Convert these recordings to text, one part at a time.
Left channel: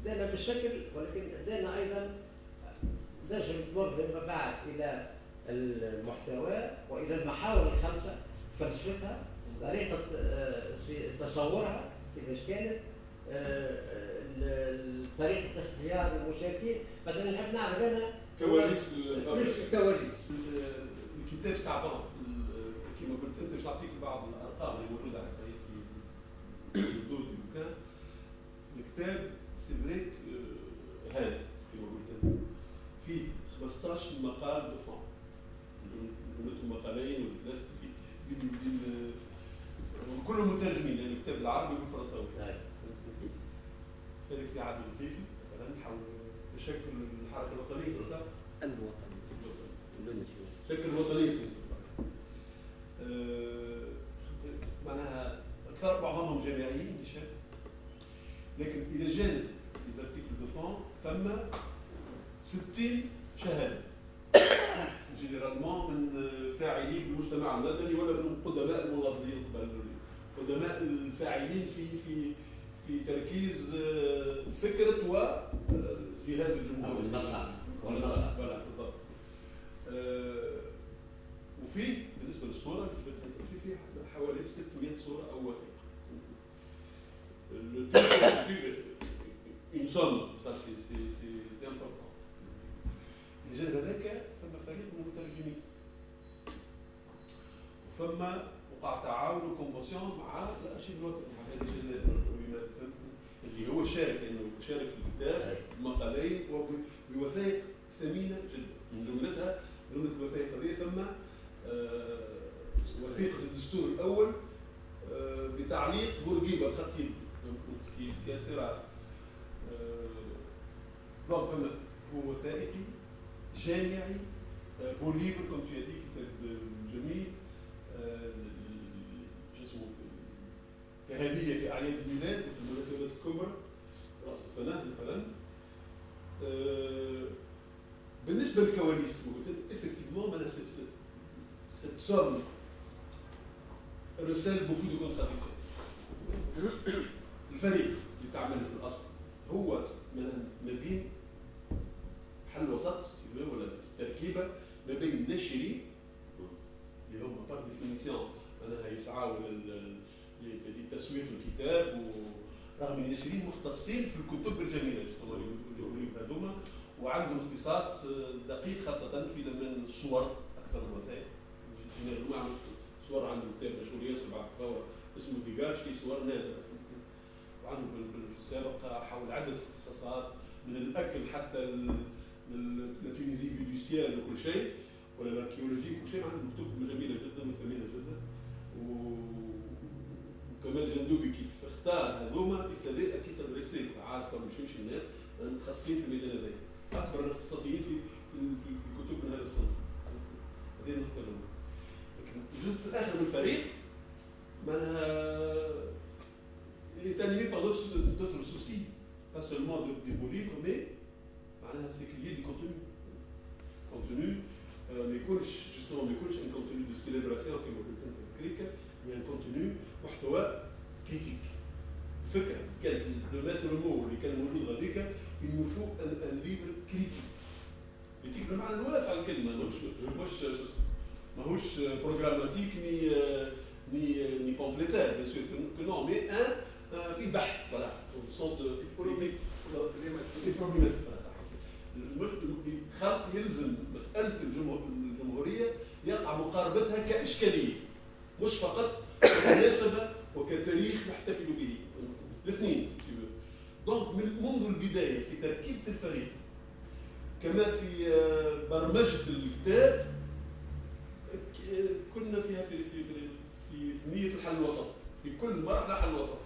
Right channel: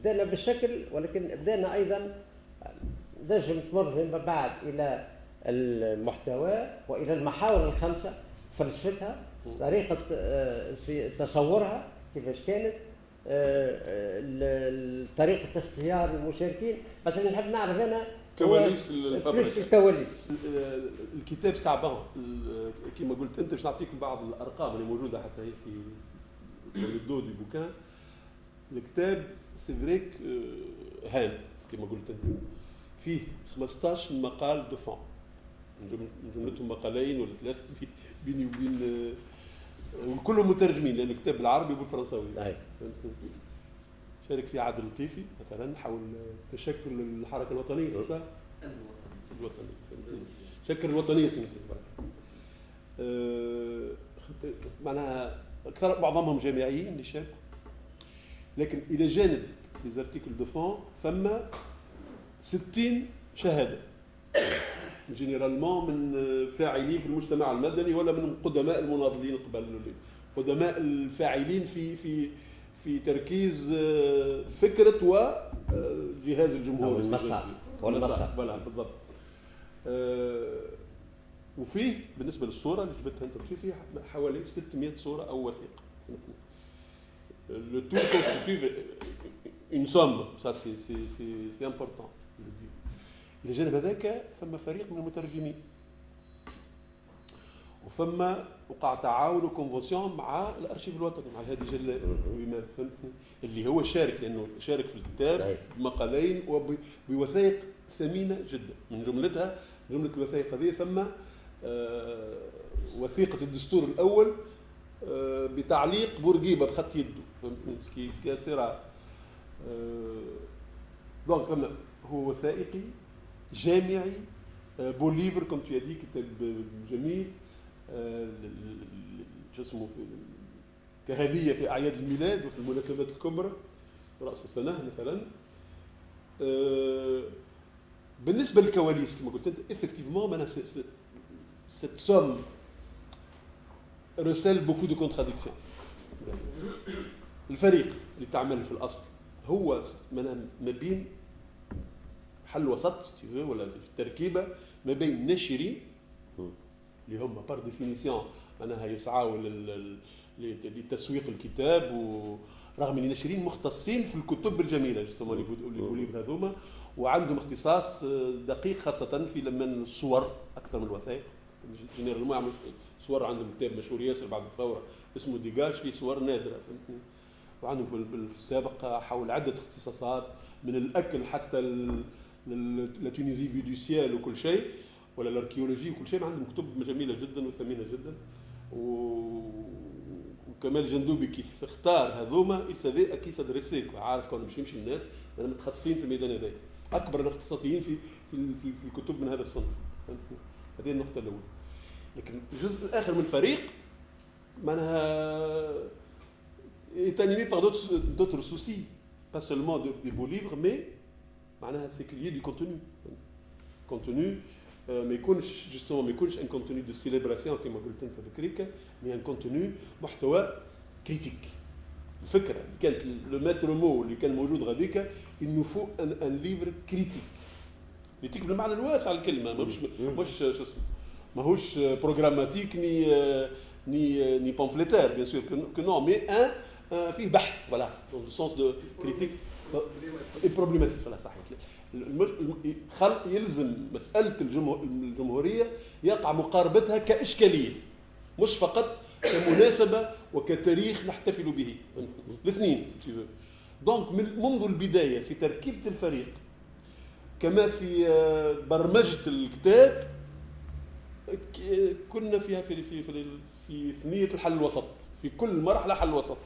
بدأنا بالشكل، ولكن بدأنا أيضا نجم تمر فيما بعد إلى المحتوى وإلى المحاور الخمسة، فلسفتها، طريقة تصورها كيفاش كانت، طريقة اختيار المشاركين. مثلا نحب نعرف أنا كواليس الكواليس. الكتاب صعبان كما قلت انت، باش نعطيك بعض الارقام اللي موجوده حتى هي في الدود البوكان. الكتاب سي فريك هام كما قلت انت، فيه 15 مقال دو فون، جملتهم مقالين ولا ثلاثه بيني وبين وكلهم مترجمين لانه كتاب بالعربي وبالفرنساوي. شارك فيه عادل الطيفي مثلا، حول تشكل الحركه الوطنيه. صح؟ الوطنيه شكل الوطنيه التونسيه. معناها اكثر معظمهم جامعيين اللي شاركوا، لكن الى جانب ليزارتيكل دو فون ثم 60 شهاده جينيرالمون من فاعلين في المجتمع المدني ولا من قدماء المناضلين القبليين، قدماء الفاعلين في تركيز فكره وجهاز الجمهوري والمسار ولا بالضبط. وفيه بالنسبه للصوره اللي جبتها انت فيه حوالي 600 صوره او وثيقه. Le tout constitue une somme, ça c'est important. الجانب هذاك ثم فريق من المترجمين، وثم وقع تعاون وكونفونسيون مع الارشيف الوطني، مع الهادي جلال اللي هو شارك، لانه شارك في الكتاب بمقالين وبوثائق ثمينه جدا. من جمله الوثائق هذه ثم وثيقه الدستور الاول بتعليق بورقيبه بخط يده، سكي سيرا. دونك هو وثائقي جامعي بون ليفر كما تيادي، كتاب جميل جسمه كهديه في اعياد الميلاد وفي المناسبات الكبرى راس السنه مثلا. بالنسبه للكواليس كما قلت انت افكتيفمون معناها cette somme recèle beaucoup de contradictions. الفريق اللي تعمل في الاصل هو ما بين حل وسط ولا في التركيبه ما بين ناشرين اللي هم بار ديفينيسيون معناها يسعوا لتسويق الكتاب، ورغم ان الناشرين مختصين في الكتب الجميله اللي يقولوا هذوما، وعندهم اختصاص دقيق خاصه في لمن الصور اكثر من الوثائق. جينيرالمون يعملوا صور، عندهم كتاب مشهور ياسر بعد الثوره اسمه ديجاج فيه صور نادره، وعندهم في السابق حول عده اختصاصات من الاكل حتى لا تونيزي في دو سيال وكل شيء، ولا الاركيولوجي وكل شيء. عندهم كتب جميله جدا وثمينه جدا. وكمال جندوبي كيف اختار هذوما يسافي اكيد سادريسي، عارف كون مش يمشي الناس متخصصين في الميدان هذاك، اكبر الاختصاصيين في الكتب من هذا الصنف. هذه النقطه الاولى. لكن الجزء الاخر من الفريق معناها est animé par d'autres soucis, pas seulement des beaux livres, mais c'est qu'il y ait du contenu ما يكونش justement ما يكونش un contenu de célébration كما قلت انت بكريكا، mais un contenu محتوى كريتيك. الفكره كانت لو ماتر مو اللي كان موجود غاديكا il nous faut un livre critique. كريتيك بالمعنى الواسع الكلمه، مش شو اسمه، ماهوش بروغراماتيك ni pamphlétaire bien sûr que non, mais فيه بحث voilà dans le sens de critique et problématique. voilà صح. يلزم مساله الجمهوريه يقع مقاربتها كاشكاليه مش فقط كمناسبه وكتاريخ نحتفل به، الاثنين. دونك منذ البدايه في تركيبه الفريق كما في برمجه الكتاب كنا فيها في ثنية الحل الوسط، في كل مرحلة حل وسط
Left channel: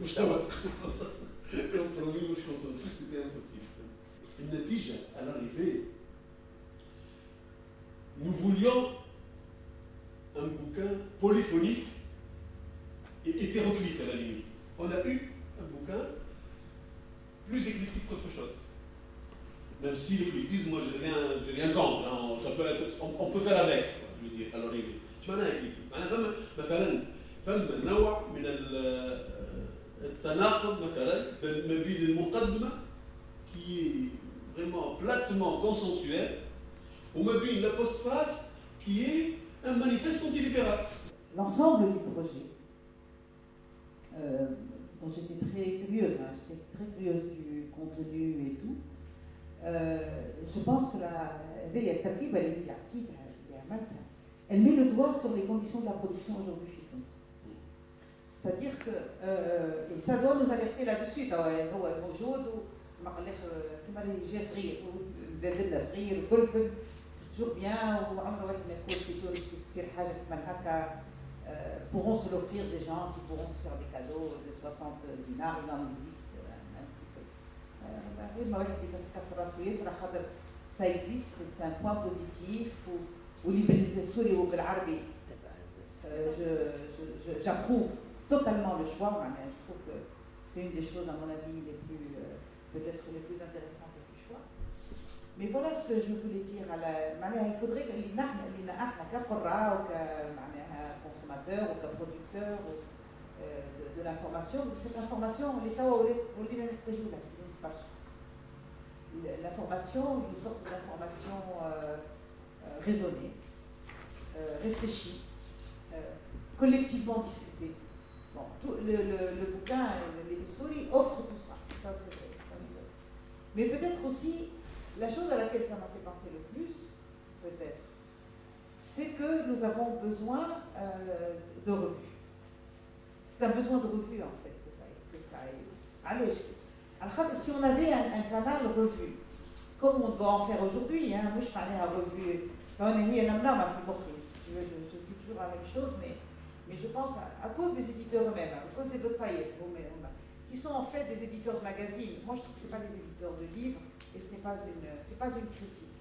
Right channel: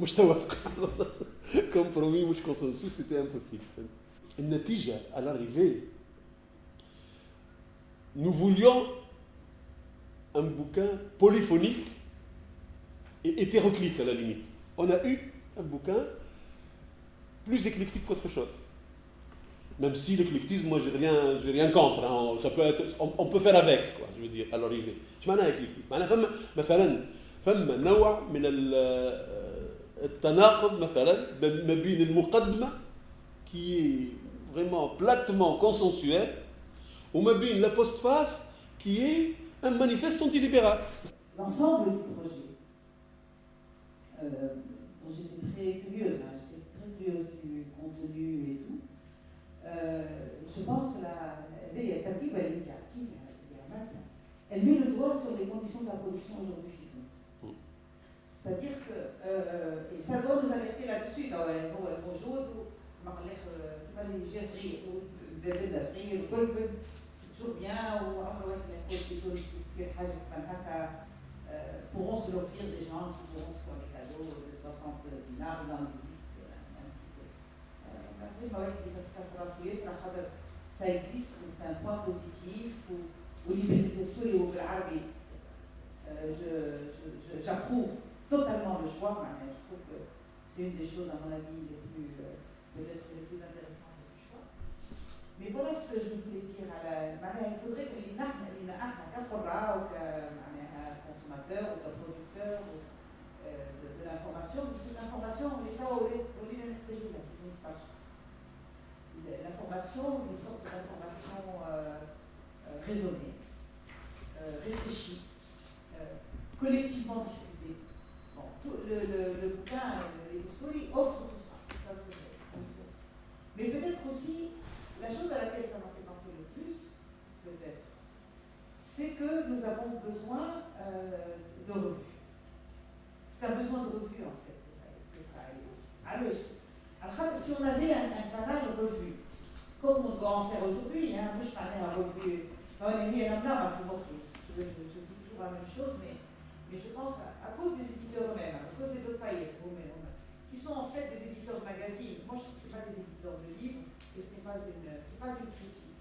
مش توافق كومبرومي مش كونسنسوس، سيتي امبوسيبل. النتيجة à l'arrivée nous voulions un bouquin polyphonique et hétéroclite à la limite. On a eu un bouquin plus éclectique qu'autre chose. Même si l'éclectisme, moi j'ai rien contre, hein. Ça peut être, on peut faire avec, quoi, je veux dire, à l'arrivée. ايش معناها éclectique؟ معناها فما مثلا نوع من التناقض مثلا ما بين المقدمه qui est vraiment platement consensuelle وما بين la postface qui est un manifeste antilibéral. L'ensemble du projet, dont j'étais très curieuse, du contenu et tout, je pense que elle met le doigt sur les conditions de la production aujourd'hui chez nous. C'est-à-dire que, et ça doit nous alerter là-dessus, c'est toujours bien, pourront se l'offrir des gens qui pourront se faire des cadeaux de 60 dinars, il en existe un petit peu. Ça existe, c'est un point positif. J'approuve totalement le choix. Je trouve que c'est une des choses, à mon avis, peut-être les plus intéressantes du choix. Mais voilà ce que je voulais dire. Il faudrait que les consommateurs ou producteurs de l'information, cette information, l'information, une sorte d'information raisonnée, réfléchie, collectivement discutée. Bon, le bouquin, les souris offrent tout ça. Ça c'est vrai. Mais peut-être aussi, la chose à laquelle ça m'a fait penser le plus, peut-être, c'est que nous avons besoin de revues. C'est un besoin de revue en fait que ça aille. Allez, alors si on avait un canal revue, comme on doit en faire aujourd'hui, moi je parlais à revue, je dis toujours la même chose, mais je pense à cause des éditeurs eux-mêmes, à cause des dotaillers, qui sont en fait des éditeurs de magazines. Moi je trouve que ce n'est pas des éditeurs de livres et ce n'est pas une critique.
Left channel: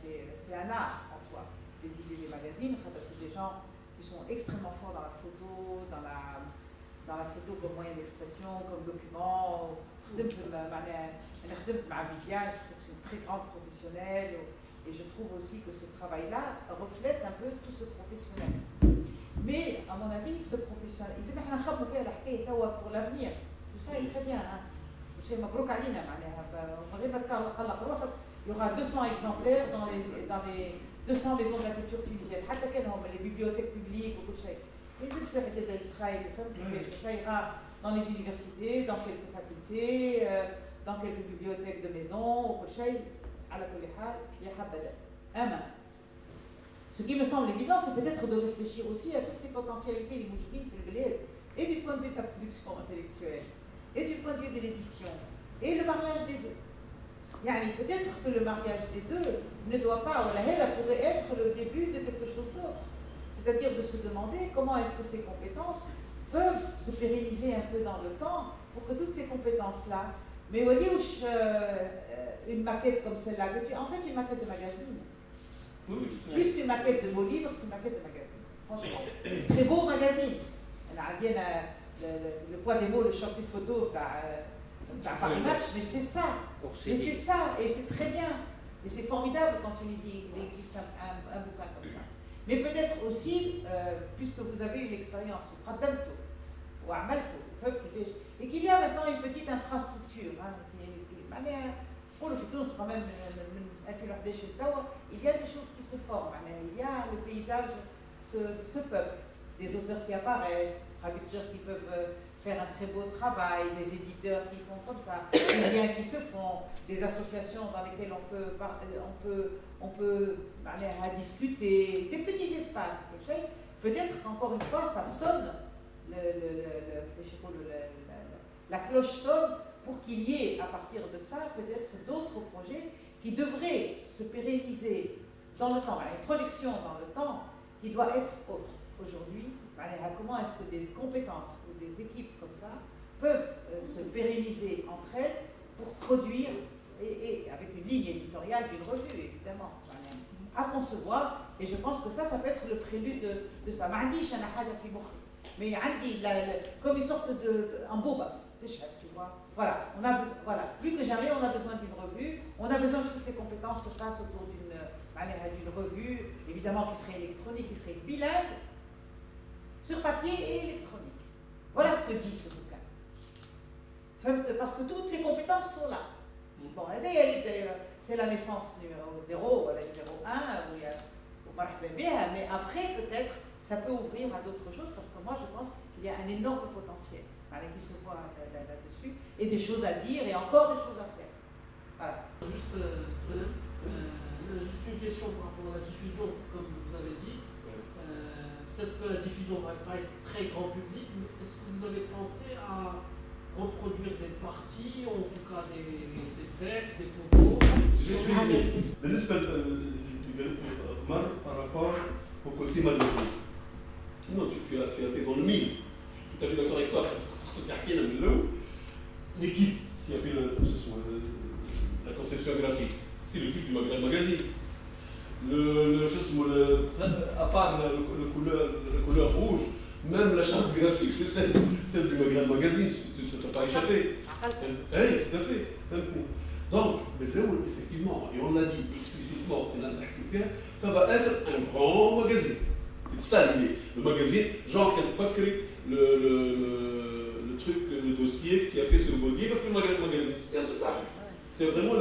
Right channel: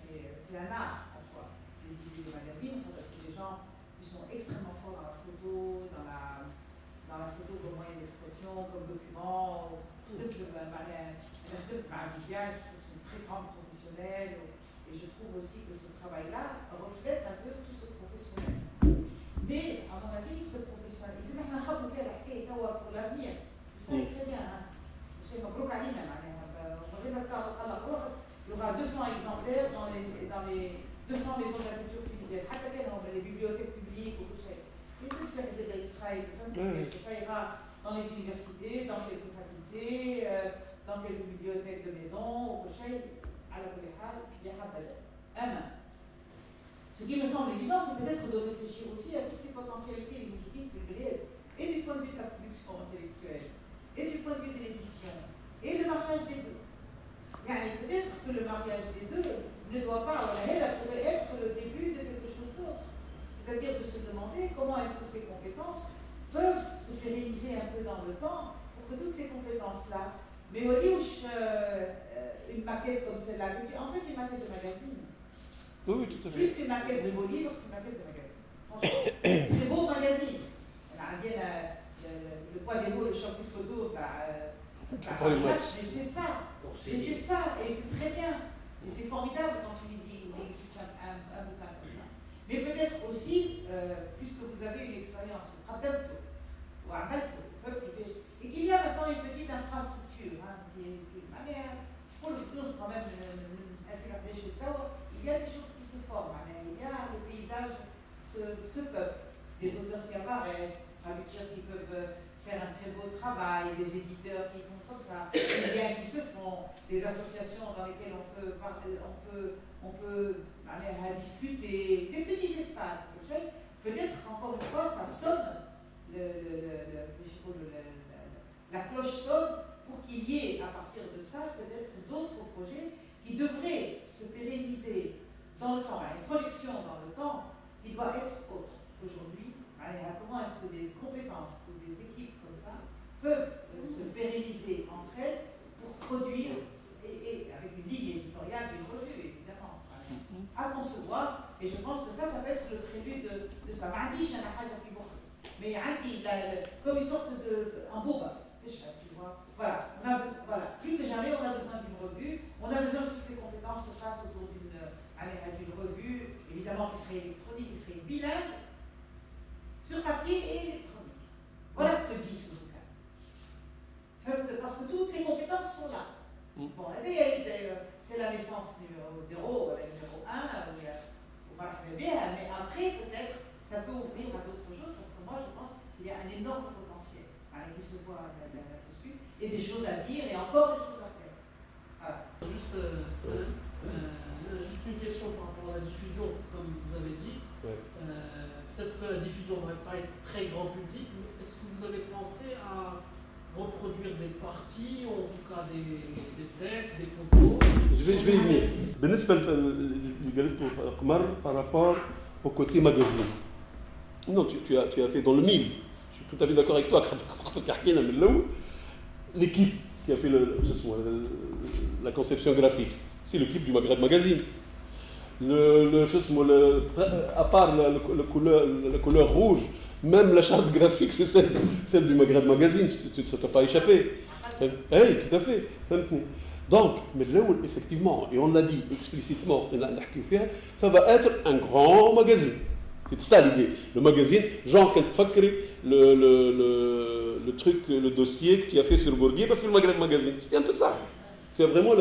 C'est un art en soi d'éditer des magazines, c'est des gens qui sont extrêmement forts dans la photo, dans la photo comme moyen d'expression, comme document. Je trouve que c'est une très grande professionnelle et je trouve aussi que ce travail-là reflète un peu tout ce professionnalisme. Mais à mon avis, ce professionnalisme, pour l'avenir, tout ça est très bien. Il y aura 200 exemplaires dans les 200 maisons de la culture tunisienne. Les bibliothèques publiques, beaucoup de choses. Mais je vais faire des Israël, ça ira dans les universités, dans quelques facultés, dans quelques bibliothèques de maison, ce qui me semble évident, c'est peut-être de réfléchir aussi à toutes ces potentialités les mouchoudines et du point de vue de la production intellectuelle, et du point de vue de l'édition, et le mariage des deux. Peut-être que le mariage des deux ne doit pas, pourrait être le début de quelque chose d'autre. C'est-à-dire de se demander comment est-ce que ces compétences peuvent se pérenniser un peu dans le temps pour que toutes ces compétences-là, mais au lieu une maquette comme celle-là, en fait une maquette de magazine. Oui, tout à fait. Plus qu'une maquette de beau livre, c'est une maquette de magazine. Franchement, très beau magazine. Le poids des mots, le champion photo, mais c'est ça. Mais c'est ça, et c'est très bien. Et c'est formidable quand il existe un bouquin comme ça. Mais peut-être aussi, puisque vous avez une expérience, ou à Malto, et qu'il y a maintenant une petite infrastructure, pour le futur, c'est quand même il y a des choses qui se forment, il y a le paysage se peuple, des auteurs qui apparaissent, des traducteurs qui peuvent faire un très beau travail, des éditeurs qui font comme ça, des liens qui se font, des associations dans lesquelles on peut discuter, des petits espaces. Peut-être, encore une fois, ça sonne, la cloche sonne pour qu'il y ait, à partir de ça, peut-être d'autres projets qui devraient se pérenniser dans le temps. Une projection dans le temps qui doit être autre. Aujourd'hui, comment est-ce que des compétences ou des équipes comme ça peuvent se pérenniser entre elles pour produire, et avec une ligne éditoriale d'une revue, évidemment, à concevoir, et je pense que ça peut être le prélude de ça. Mais comme une sorte un boba, tu vois. Voilà, plus que jamais, on a besoin d'une revue, on a besoin que toutes ces compétences se fassent autour d'une revue, évidemment qui serait électronique, qui serait bilingue, sur papier et électronique. Voilà ce que dit ce bouquin. c'est la naissance numéro 0 ou la numéro 1, mais après peut-être ça peut ouvrir à d'autres choses parce que moi je pense qu'il y a un énorme potentiel qui se voit là-dessus et des choses à dire et encore des choses à faire. Voilà. Juste une question par rapport à la diffusion, comme vous avez dit. Ouais. Peut-être que la diffusion ne va pas être très grand public, mais est-ce que vous avez pensé à reproduire des parties, ou en tout cas des textes, des photos? Je vais y venir. بالنسبة للقمر par rapport au côté magazine. Non, tu as fait dans le mille. Je suis tout à fait d'accord avec toi. L'équipe qui a fait la conception graphique, c'est l'équipe du Maghreb Magazine. À part la couleur rouge, même la charte graphique, c'est celle du Maghreb Magazine, ça ne t'a pas échappé. Oui, tout à fait. Donc, mais là, effectivement, et on l'a dit explicitement, ça va être un grand magazine. C'est ça l'idée. Le magazine, genre, le truc, le dossier que tu as fait sur Bourguiba, il fait le Maghreb Magazine. C'était un peu ça. C'est vraiment,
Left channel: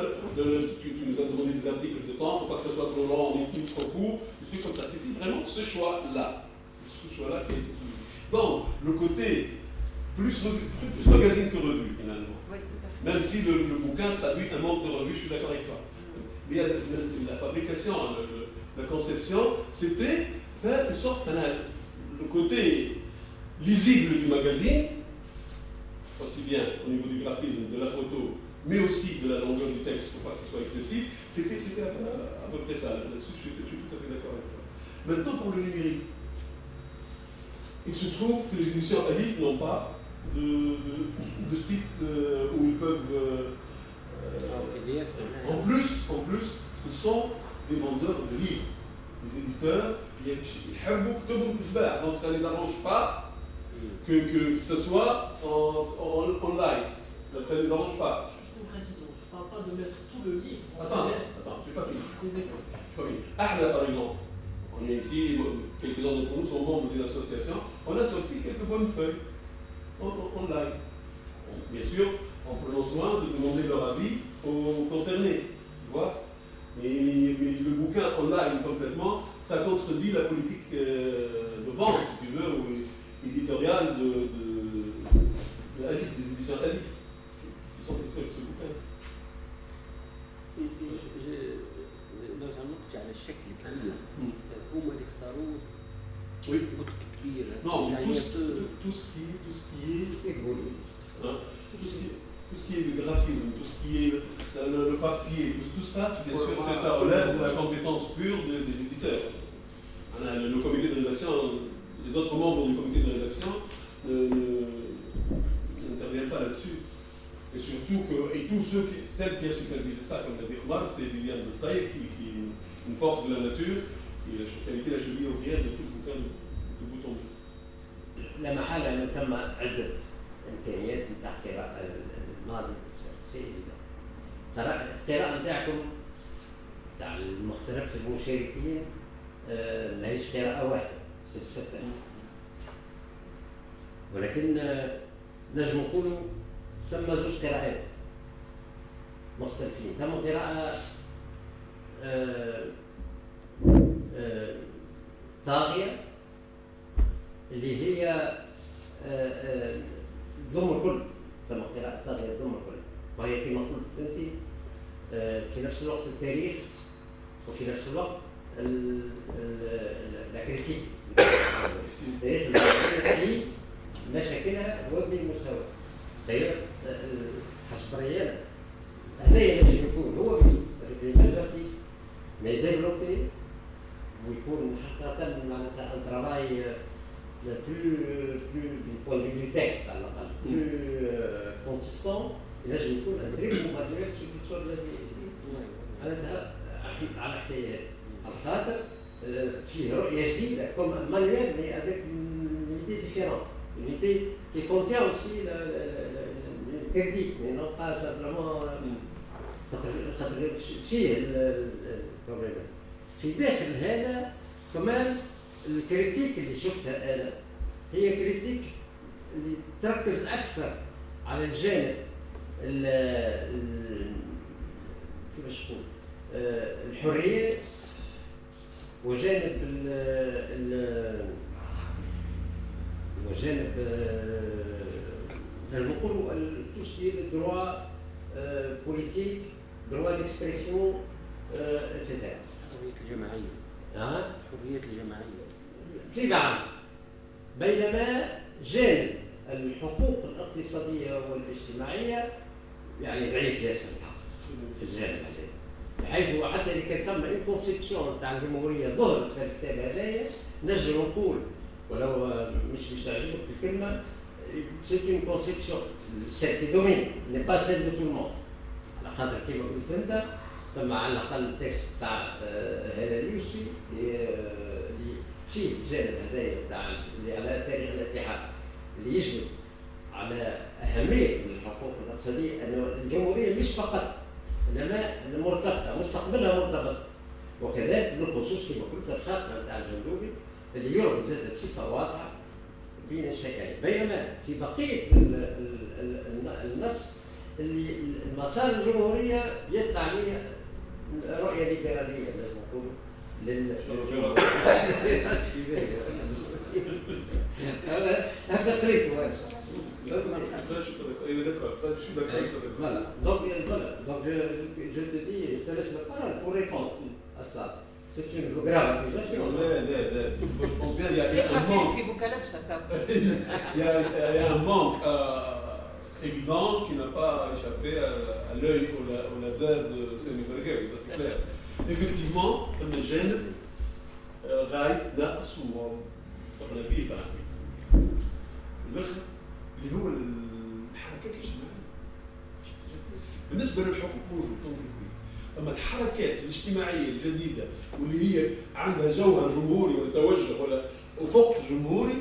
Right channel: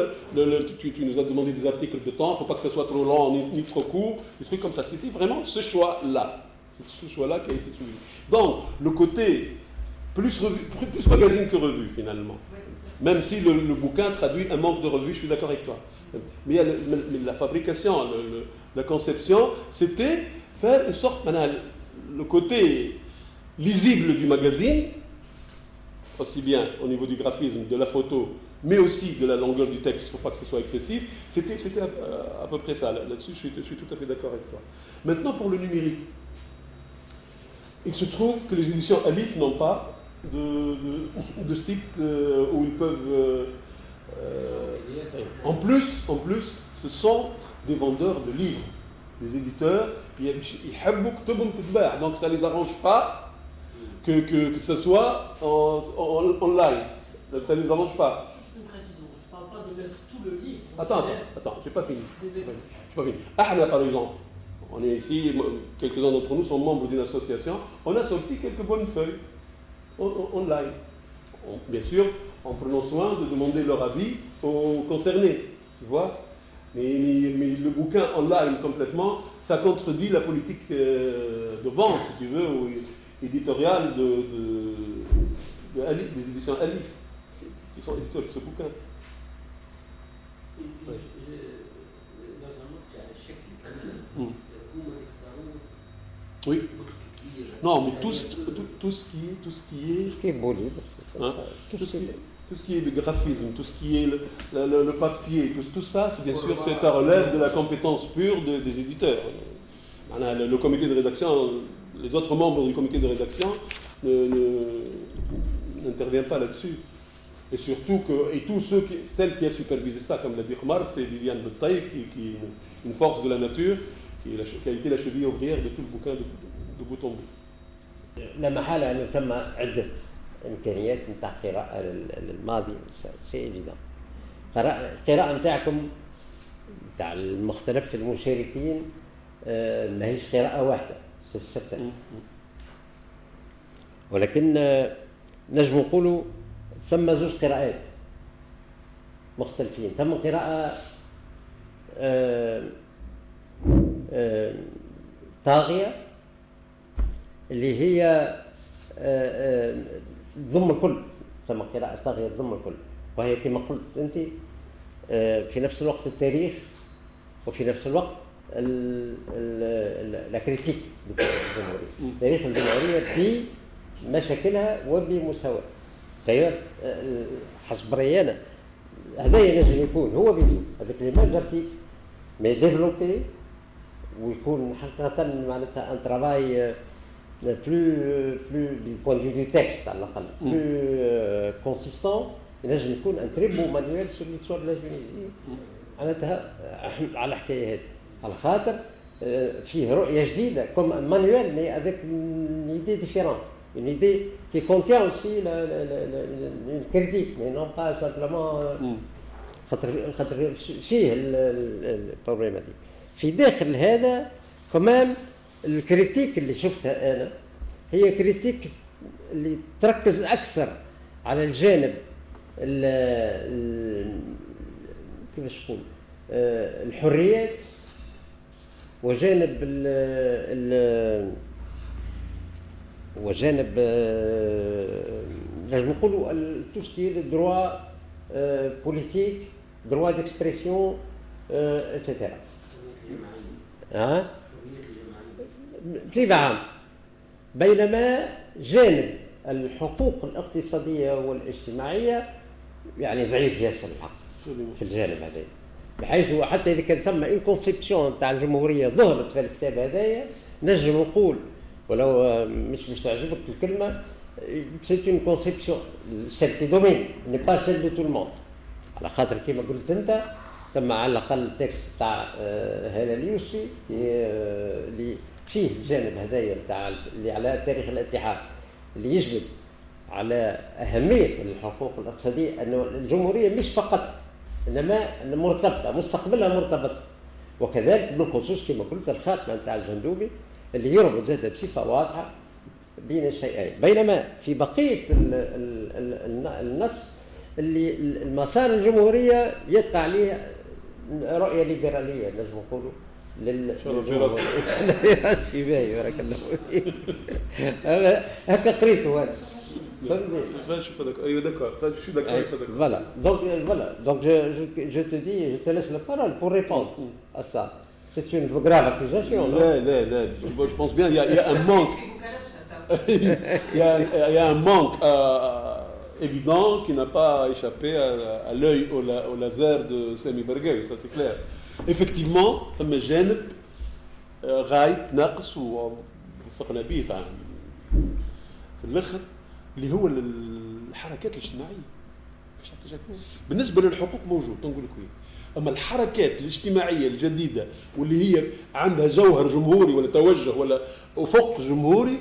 tu nous as demandé des articles de temps, il ne faut pas que ça soit trop long ni trop court, des trucs comme ça. C'était vraiment ce choix-là. C'est ce choix-là qui a été soumis. Donc, le côté plus magazine que revue, finalement. Oui, même si le bouquin traduit un manque de revue, je suis d'accord avec toi. Mais la fabrication, la conception, c'était faire une sorte, le côté lisible du magazine, aussi bien au niveau du graphisme, de la photo, mais aussi de la longueur du texte, il ne faut pas que ce soit excessif, c'était à peu près ça. Là-dessus, je suis tout à fait d'accord avec toi. Maintenant, pour le numérique, il se trouve que les éditions Alif n'ont pas de site où ils peuvent... En plus, ce sont des vendeurs de livres, des éditeurs, donc ça ne les arrange pas que ce soit en live. Ça ne les arrange pas. Juste une précision, je ne parle pas de mettre tout le livre. Attends, je n'ai pas fini. Des extraits. Par exemple, on est ici, quelques-uns d'entre nous sont membres d'une association, on a sorti quelques bonnes feuilles en live. Bien sûr, en prenant soin de demander leur avis aux concernés, tu vois. Mais le bouquin en live complètement, ça contredit la politique de vente, si tu veux, ou éditoriale des éditions Alif, qui sont éditeurs de ce bouquin. Oui. Non, mais tout ce qui est... tout ce qui est le graphisme, tout ce qui est le papier, tout ça, c'est bien sûr, ça relève de la compétence pure des éditeurs. Le comité de rédaction, les autres membres du comité de rédaction n'interviennent pas là-dessus. Et surtout celle qui a supervisé ça, comme l'a dit Omar, c'est Viviane Taïb, qui est une force de la nature, qui a été la cheville ouvrière de tout le bouquin de bout en bout. لا محالة أنه ثم عدة إمكانيات نتاع قراءة الماضي شيء جدا. القراءة نتاعكم نتاع المختلف المشاركين ماهيش قراءة واحدة، ستة. ولكن نجم نقولوا ثم زوج قراءات مختلفين. ثم قراءة طاغية اللي هي ضم الكل، ثم قراءة طاغية ضم الكل، وهي كما قلت أنت في نفس الوقت التاريخ وفي نفس الوقت الكريتيك، تاريخ الجمهورية في مشاكلها وبمساواة. حسب رأيي أنا هذا ينجم يكون هو بيدو هذاك اللي درتي مي ديفلوبي ويكون حقيقة معناتها ان ترافاي plus du point de vue du texte على الأقل plus consistant. ينجم يكون ان تري بو مانيوال sur l'histoire de la Tunisie معناتها على الحكاية هذه، على خاطر فيه رؤية جديدة comme un manuel mais avec une idée différente, une idée qui contient aussi une critique mais non pas simplement خاطر فيه البروبليم هذه. في داخل هذا كمان الكريتيك اللي شفتها أنا هي كريتيك اللي تركز أكثر على الجانب كيفاش نقول الحريات وجانب وجانب لازم نقولوا تو سكي دروا بوليتيك دروا ديكسبرسيون اتسيتيرا. حرية الجماعية. حرية الجماعية بصفة عامة. بينما جانب الحقوق الاقتصادية والاجتماعية يعني ضعيف ياسر الحق في الجانب هذا، بحيث حتى إذا كان ثم إن كونسيبسيون تاع الجمهورية ظهرت في الكتاب هذايا نجم نقول ولو مش تعجبك الكلمة c'est une conception celle qui domine n'est pas celle de tout le monde. على خاطر كما قلت أنت ثم على الأقل التكست تاع هذا اليوسفي اللي فيه الجانب هذايا تاع اللي على تاريخ الاتحاد اللي يجبد على أهمية الحقوق الاقتصادية أن الجمهورية مش فقط إنما مرتبطة مستقبلها مرتبط، وكذلك بالخصوص كما قلت الخاتمة تاع الجندوبي اللي يربط زاد بصفة واضحة بين الشيئين. بينما في بقية النص اللي المسار الجمهورية يتقع عليه رؤية ليبرالية لازم نقولوا للفراسي باهي بارك الله فيك. هكا قريته أنا. Voilà. Donc je te dis, je te laisse la parole pour répondre à ça. C'est une grave accusation. Non, je pense bien, il y a un manque. Il y a un manque évident qui n'a pas échappé à l'œil au laser de Sami Berghaoui, ça c'est clair. Effectivement, le gène غايب ناقص وفقنا به في الاخر اللي هو الحركات الاجتماعيه. بالنسبه للحقوق موجود نقول لك، اما الحركات الاجتماعيه الجديده واللي هي عندها جوهر جمهوري ولا توجه ولا افق جمهوري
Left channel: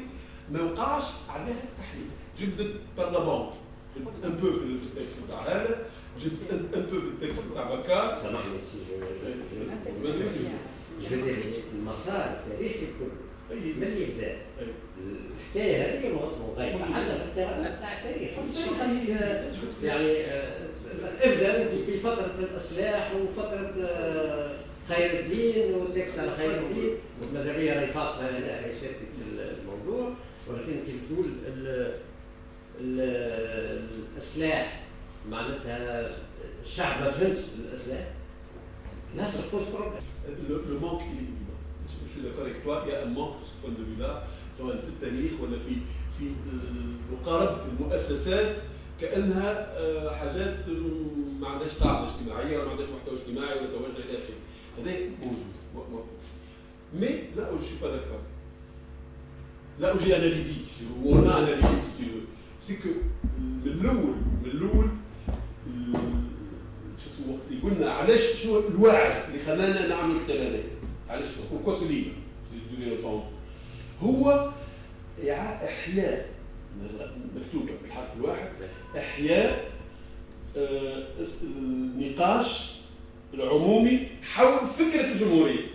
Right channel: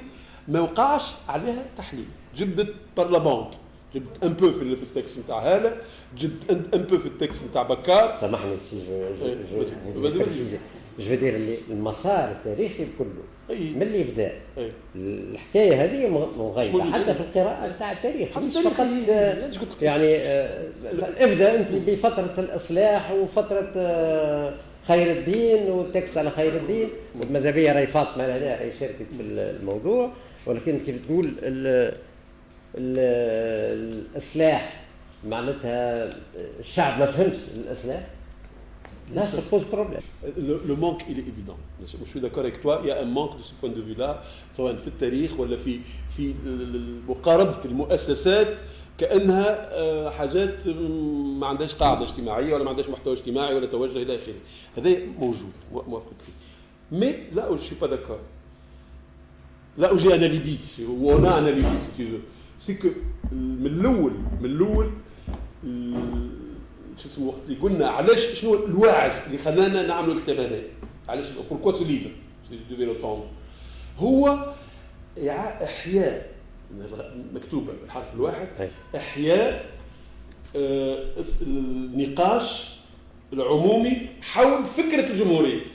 ما وقعش عليها تحليل. جبدت بارلمانت، جبت ان بو في التكست نتاع هذا، جبت ان بو في التكست نتاع بكار. سامحني سي جو دير اللي المسار التاريخي كله من اللي بدا الحكايه هذه مغايبه حتى في القراءه نتاع التاريخ فقط يعني ابدا انت بفتره الاصلاح وفتره خير الدين والتكس على خير الدين، وماذا بيا راهي فاطمه هنا شاركت في الموضوع، ولكن كيف تقول الاصلاح معناتها الشعب ما فهمش الاصلاح. Là, ça pose problème. Le manque, il est évident. Je suis d'accord avec toi, il y a un manque de ce point de vue-là, سواء في التاريخ ولا في مقاربة المؤسسات كأنها حاجات ما عندهاش قاعدة اجتماعية ولا ما عندهاش محتوى اجتماعي ولا توجه إلى آخره. هذا موجود موافق فيه. Mais là où je suis pas d'accord, là où j'ai un alibi, où on a un alibi si tu veux, c'est que من الأول شو اسمه اللي قلنا علاش شنو الواعز اللي خلانا نعملوا الكتاب هذا، علاش pourquoi ce livre je devais l'entendre هو احياء مكتوبه بالحرف الواحد احياء النقاش العمومي حول فكره الجمهوريه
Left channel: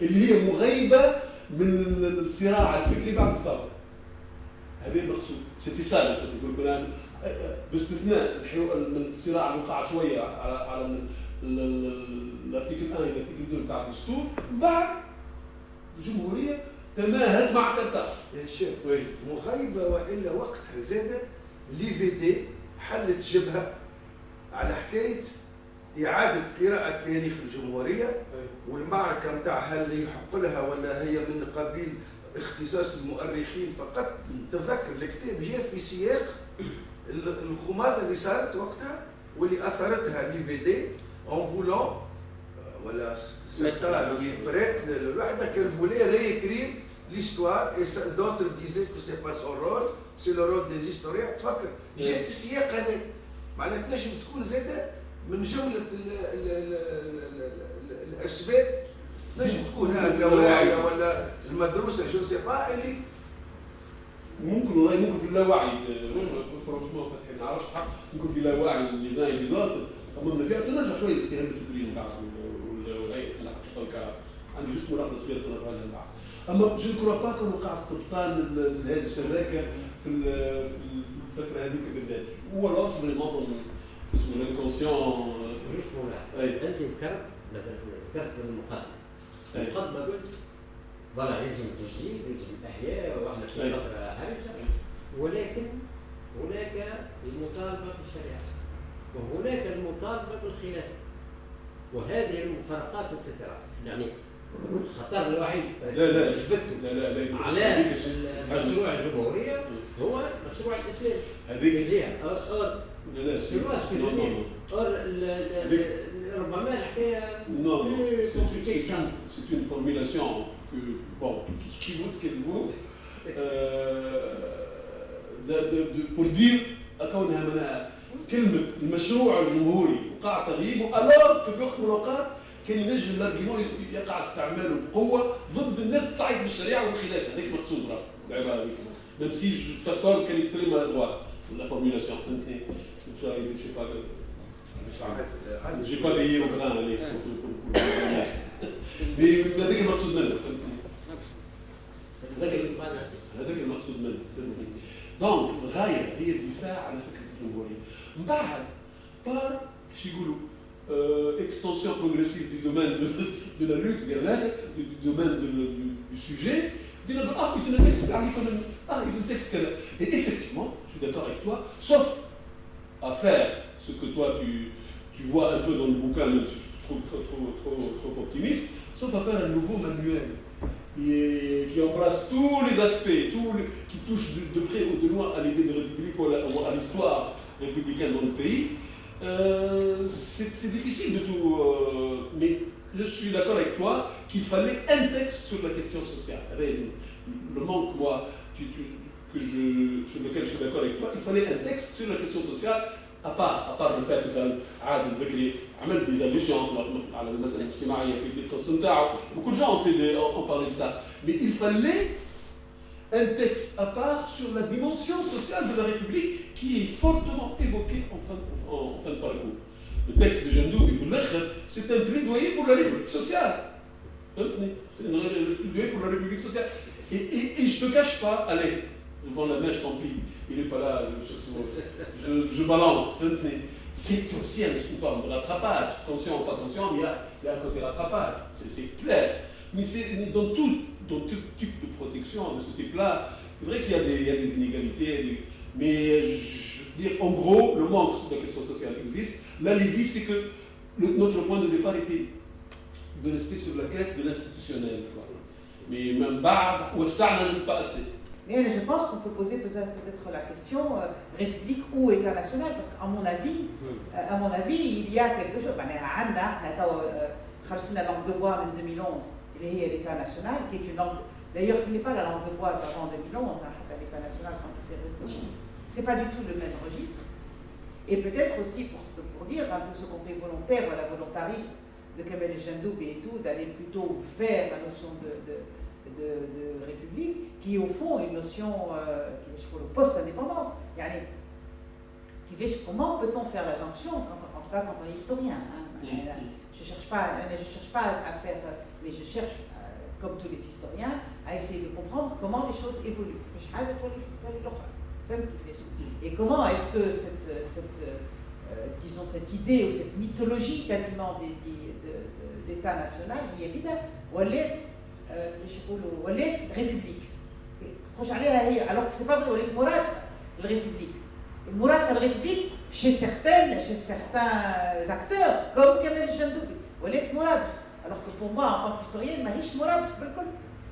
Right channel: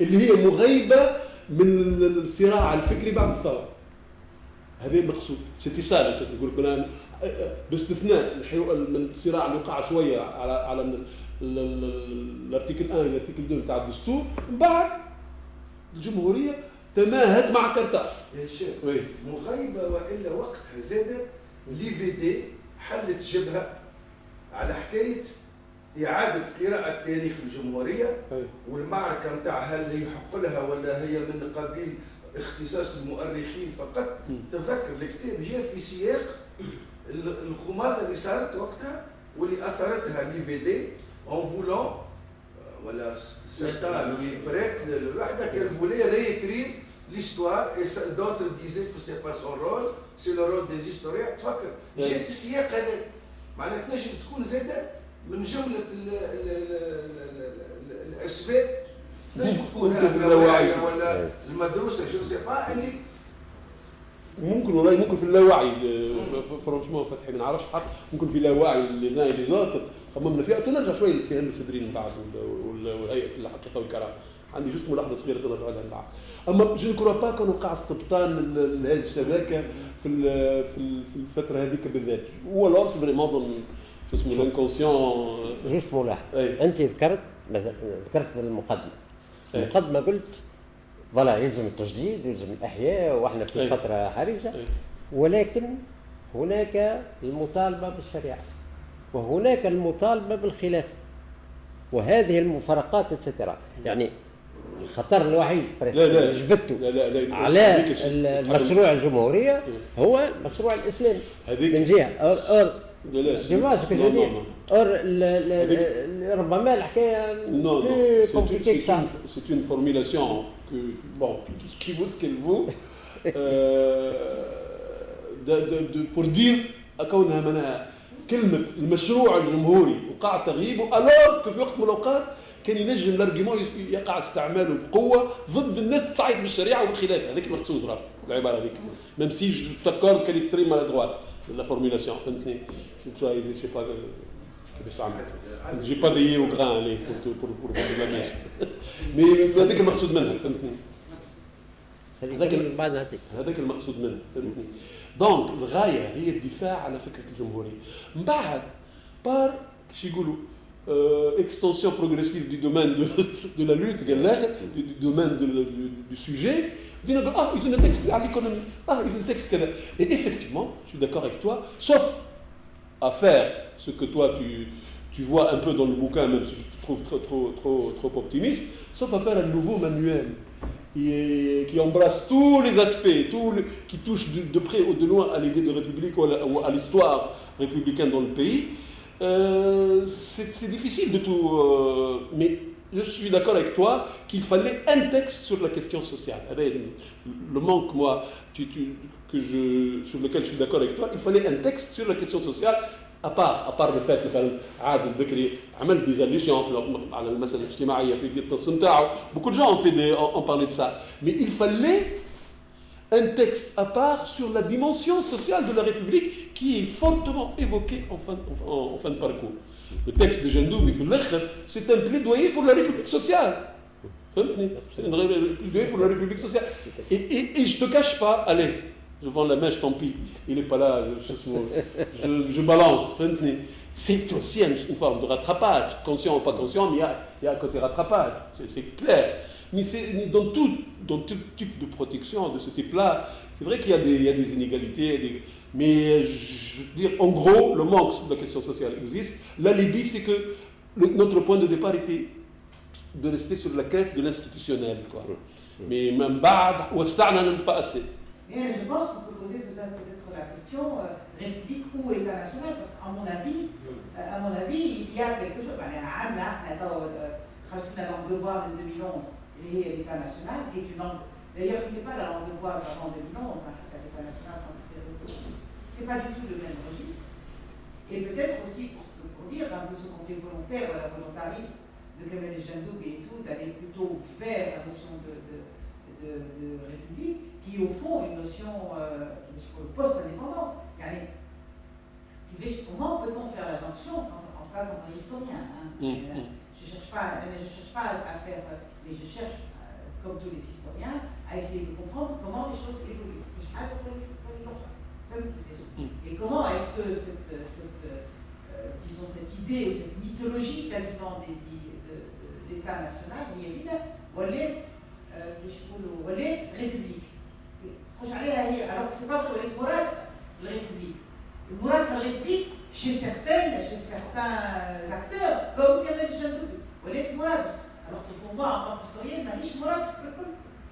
اللي هي مغيبه من الصراع الفكري بعد الثوره. هذا المقصود سيتي سال نقول الان باستثناء من الصراع اللي وقع شويه على الارتيكل 1 والارتيكل 2 تاع الدستور، بعد الجمهوريه تماهت مع كرتاج. يا شيخ مغيبه والا وقتها زادت لي في دي حلت جبهه على حكايه اعاده قراءه تاريخ الجمهوريه والمعركه نتاع هل يحق لها ولا هي من قبيل اختصاص المؤرخين فقط. تذكر الكتاب جاء في سياق الخماضه اللي صارت وقتها واللي اثرتها لي في دي اون فولون ولا سيرتان بريت الوحده كان فولي ريكرير l'histoire et d'autres disaient que c'est pas son rôle, c'est le rôle des historiens. تفكر جاء في السياق هذا معناتها تنجم تكون زاده من جمله الاسباب تنجم تكون اللاوعيه ولا المدروسه جو سي با اللي ممكن والله ممكن في اللاوعي فرانشمون فتحي ما نعرفش حق ممكن في اللاوعي اللي زي اللي زاطت خممنا فيها تنرجع شويه للسيان الصدرين بعد والهيئه الحقيقه والكرامه عندي جوست ملاحظه صغيره تنرجع لها بعد. اما جو كرو با كون وقع استبطان لهذه الشبكه في الفتره هذيك بالذات، هو لاص فريمون اسمه الانكونسيون. جوست ملاحظ، انت ذكرت المقدمه. المقدمه قلت فوالا يلزم التجديد، يلزم الاحياء، واحنا في فتره حرجه، ولكن هناك المطالبه بالشريعه، وهناك المطالبه بالخلافه، وهذه المفارقات اتسترا. يعني الخطر الوحيد جبته على المشروع الجمهوريه هو مشروع الاسلام من جهه ربما الحكايه c'est une formulation qui vaut ce qu'elle vaut pour dire كونها منها كلمه المشروع الجمهوري وقع تغييبه الوغ في وقت من الاوقات كان ينجم الارجيمون يقع استعماله بقوه ضد الناس تطعن بالشريعه والخلافه. هذاك المقصود راه العباره هذيك ميم سي جو تاكورد كان يتري مالادروات لا فورمulation فهمتني. j'ai pas veillé au grain pour mais هذاك المقصود منه فهمتني. هذاك المقصود منه فهمتني. دونك الغايه هي الدفاع على فكره الجمهوريه. من بعد بار كيش يقولوا extension progressive du domaine de la lutte, du domaine du sujet, il y a un texte, il y a un texte. Et effectivement, je suis d'accord avec toi, sauf à faire ce que toi tu vois un peu dans le bouquin, même si je te trouve trop optimiste, sauf à faire un nouveau manuel qui embrasse tous les aspects, qui touche de près ou de loin à l'idée de république ou à l'histoire républicaine dans le pays. C'est difficile de tout, mais je suis d'accord avec toi qu'il fallait un texte sur la question sociale. Le manque, moi, sur lequel je suis d'accord avec toi, il fallait un texte sur la question sociale, à part le fait de faire عادل بكري عمل des allusions على المسألة الاجتماعية في التصميم تاعو. Beaucoup de gens ont parlé de ça, mais il fallait un texte à part sur la dimension sociale de la République qui est fortement évoquée en fin de parcours. Le texte de Jandoub, c'est un plaidoyer pour la République sociale. C'est un plaidoyer pour la République sociale. Et je ne te cache pas, allez, je vends la mèche, tant pis, il n'est pas là, je balance. C'est aussi une forme de rattrapage, conscient ou pas conscient, mais il y a un côté rattrapage, c'est clair. Mais dans tout type de protection de ce type-là, c'est vrai qu'il y a des inégalités, mais je veux dire, en gros, le manque sur la question sociale existe. La Libye, c'est que notre point de départ était de rester sur la crête de l'institutionnel, quoi. Mais même Ba'ad, ou Sa'na, pas assez. Mais je pense qu'on peut poser peut-être la question République ou État national, parce qu'à mon avis, il y a quelque chose. خرجنا langue de bois en 2011, et l'État national, qui est une langue, d'ailleurs qui n'est pas la langue de bois avant 2011, l'État national quand on fait réfléchir. C'est pas du tout le même registre. Et peut-être aussi pour dire un peu ce côté volontaire, la volontariste de Kamel Jandoub et tout, d'aller plutôt vers la notion de République, qui est au fond une notion post-indépendance. Comment peut-on faire la jonction, en tout cas quand on est historien, Je ne cherche pas à faire, mais je cherche, comme tous les historiens, à essayer de comprendre comment les choses évoluent. Et comment est-ce que cette idée ou cette mythologie quasiment d'État national, qui est évidente, ولات république. Alors que ce n'est pas vrai, ولات مراد la république. المراد في الريبوبليك chez certains acteurs comme Kamel Jandoub ولات مراد. Alors que pour moi en tant qu'historienne ماهيش مراد في الكل.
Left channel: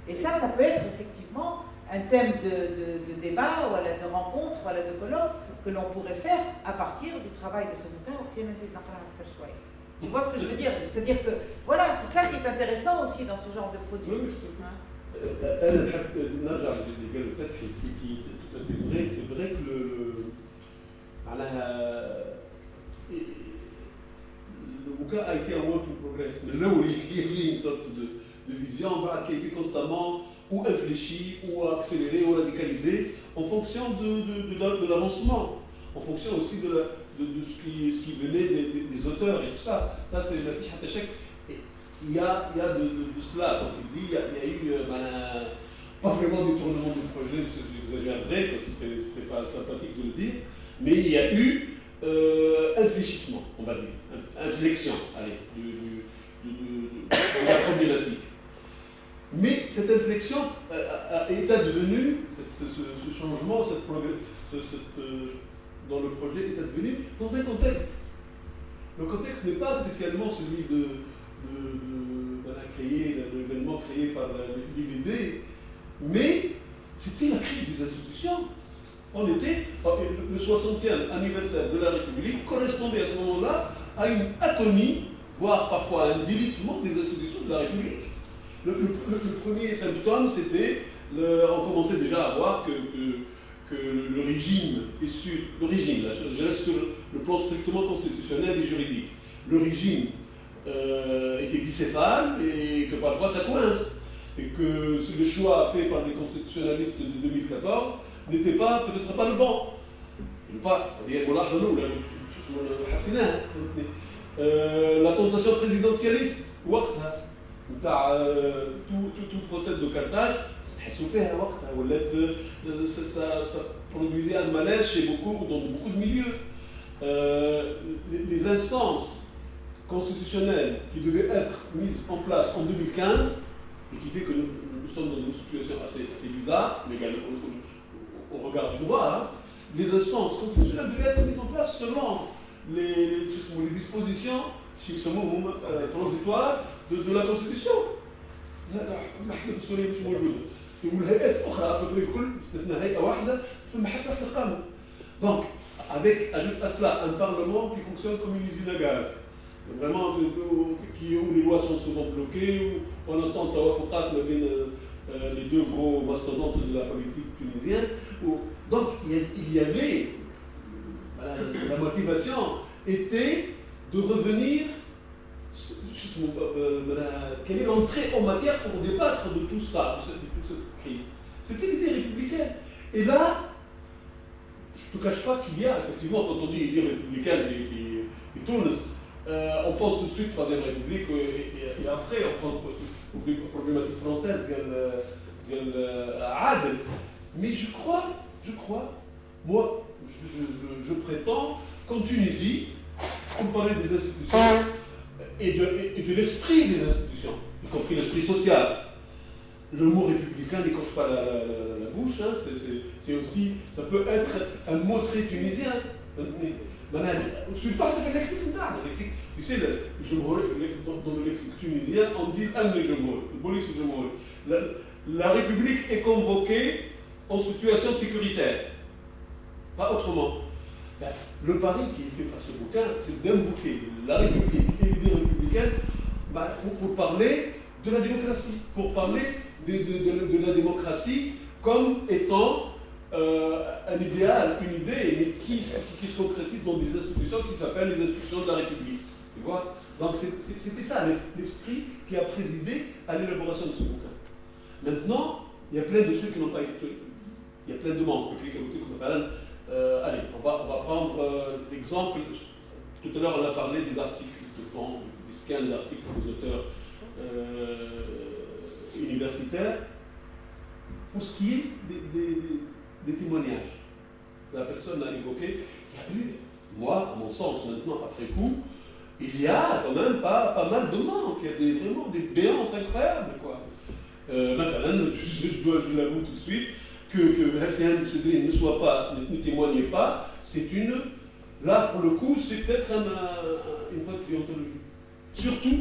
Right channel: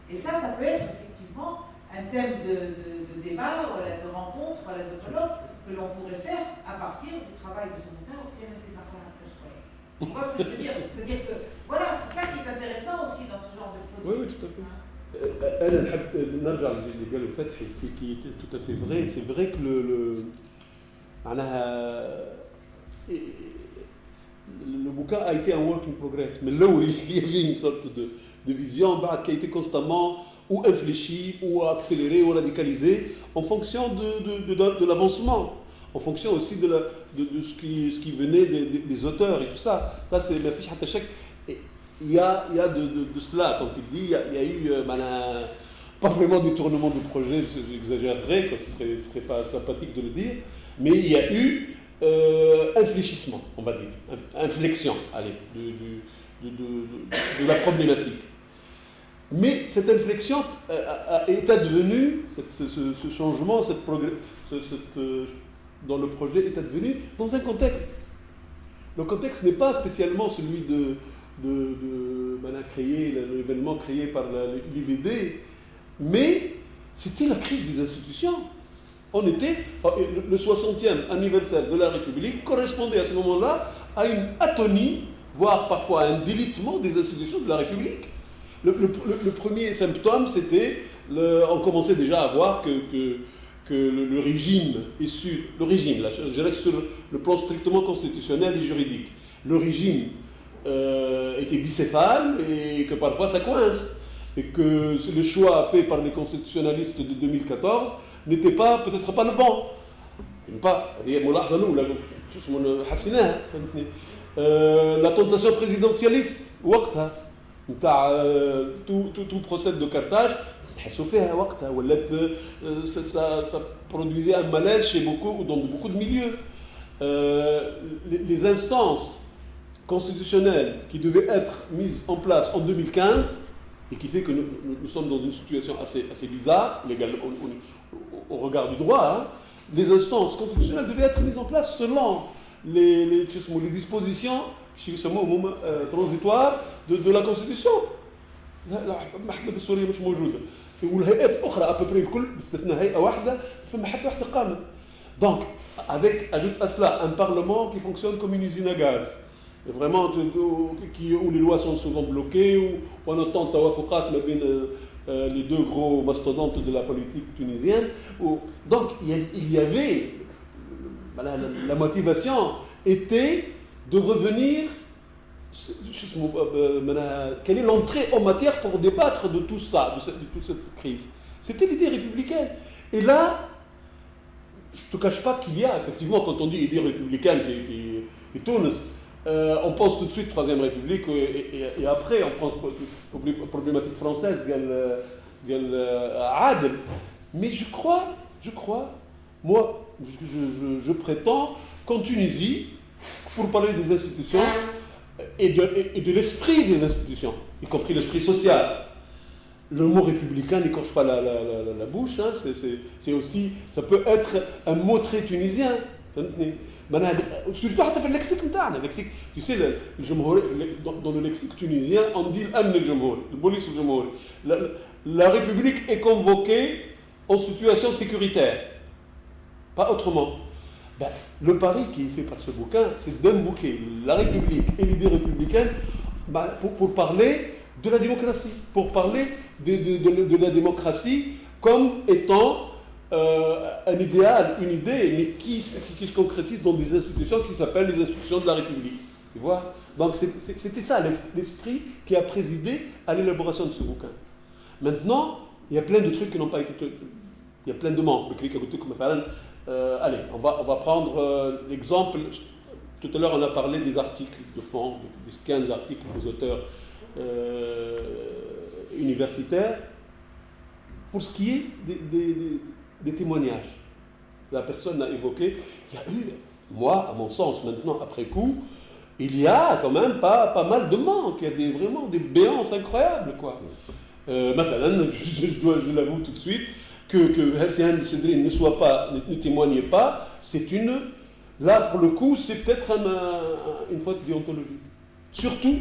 Et ça peut être effectivement un thème de débat ou de rencontre ou de colloque que l'on pourrait faire à partir du travail de ce bouquin. Tu vois ce que je veux dire? C'est-à-dire que voilà, c'est ça qui est intéressant aussi dans ce genre de produit. Oui, tout à fait. أنا نحب نرجع للقول الفتحي qui est tout à fait vrai. C'est vrai que le bouquin a été un work in progress. Mais là où il y avait une sorte de vision qui a été constamment ou infléchie, ou accélérée, ou radicalisée en fonction de l'avancement, en fonction aussi de ce qui venait des auteurs et tout ça. Ça, c'est la fiche Hatachek. Il y a de cela, quand il dit, il y a eu pas vraiment détournement du projet, j'exagérerais, ce serait pas sympathique de le dire, mais il y a eu infléchissement, on va dire, inflexion, allez, de la problématique. Mais cette inflexion est advenue, ce changement, dans le projet est advenu dans un contexte. Le contexte n'est pas spécialement celui l'événement créé par l'IVD, mais c'était la crise des institutions. On était, le 60e anniversaire de la République correspondait à ce moment-là à une atonie, voire parfois à un délitement des institutions de la République. Le premier symptôme, c'était, on commençait déjà à voir que le régime est sur, le régime, là, je reste sur le plan strictement constitutionnel et juridique, le régime était bicéphale et que parfois ça coince. Et que le choix fait par les constitutionnalistes de 2014 n'était peut-être pas le bon. La tentation présidentialiste, tout procès de Carthage, ça produisait un malaise dans beaucoup de milieux. Les instances constitutionnelles qui devaient être mises en place en 2015, et qui fait que nous sommes dans une situation assez bizarre, légalement, au regard du droit, hein. Les instances constitutionnelles devaient être mises en place selon les dispositions transitoires de la Constitution. Donc, ajoute à cela un Parlement qui fonctionne comme une usine à gaz. Vraiment, où les lois sont souvent bloquées, où on entend les deux gros mastodontes de la politique tunisienne. Donc, il y avait, la motivation était de revenir, quelle est l'entrée en matière pour débattre de tout ça, de toute cette crise. C'était l'idée républicaine. Et là, je ne te cache pas qu'il y a, effectivement, quand on dit idée républicaine et Tunis, on pense tout de suite Troisième République et après on pense aux problématiques françaises, Adel. Mais je crois, moi, je prétends qu'en Tunisie, pour parler des institutions et de l'esprit des institutions, y compris l'esprit social, le mot républicain n'écorche pas la bouche, hein, c'est aussi, ça peut être un mot très tunisien. Surtout dans le lexique, tu sais, dans le lexique tunisien, on dit la République est convoquée en situation sécuritaire, pas autrement. Le pari qui est fait par ce bouquin, c'est d'invoquer la République et l'idée républicaine pour parler de la démocratie, pour parler de la démocratie comme étant un idéal, une idée, mais qui se concrétise dans des institutions qui s'appellent les institutions de la République. Tu vois ? Donc c'était ça l'esprit qui a présidé à l'élaboration de ce bouquin. Maintenant, il y a plein de trucs qui n'ont pas été... Il y a plein de manques. Allez, on va prendre l'exemple. Tout à l'heure, on a parlé des articles de fond, des 15 articles des auteurs universitaires. Pour ce qui est des témoignages, la personne a évoqué, il y a eu, moi, à mon sens, maintenant, après coup, il y a quand même pas mal de manques, il y a vraiment des béances incroyables, quoi. Je l'avoue tout de suite, que Hassian Sedri ne témoignait pas, c'est là pour le coup, c'est peut-être une faute de déontologie. Surtout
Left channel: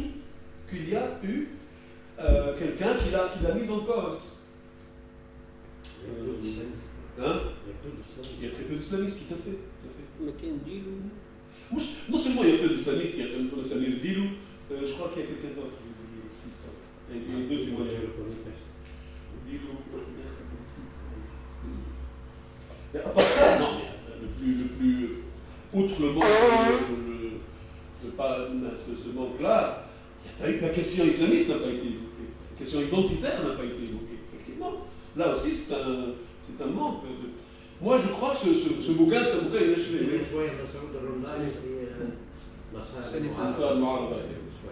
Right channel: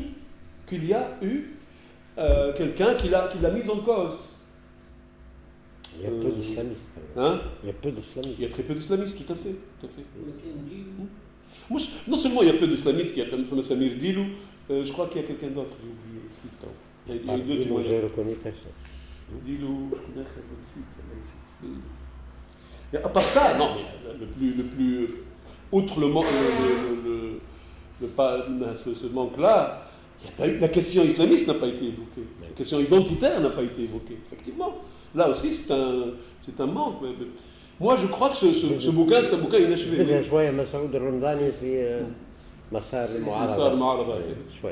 qu'il y a eu quelqu'un qui l'a mise en cause. Il y a peu d'islamistes. Hein? Il y a peu d'islamistes. Il y a très peu d'islamistes, tout à fait. Non seulement il y a peu d'islamistes, il y a Samir Dilou, je crois qu'il y a quelqu'un d'autre. Il y a deux témoignages. Dilou, à part ça, non, le plus outre le manque, ce manque-là, la question islamiste n'a pas été évoquée, la question identitaire n'a pas été évoquée, effectivement. Là aussi, c'est un manque. Moi, je crois que ce bouquin, c'est un bouquin inachevé. شوية مسعود الرمضاني في مسار المعارضة شوي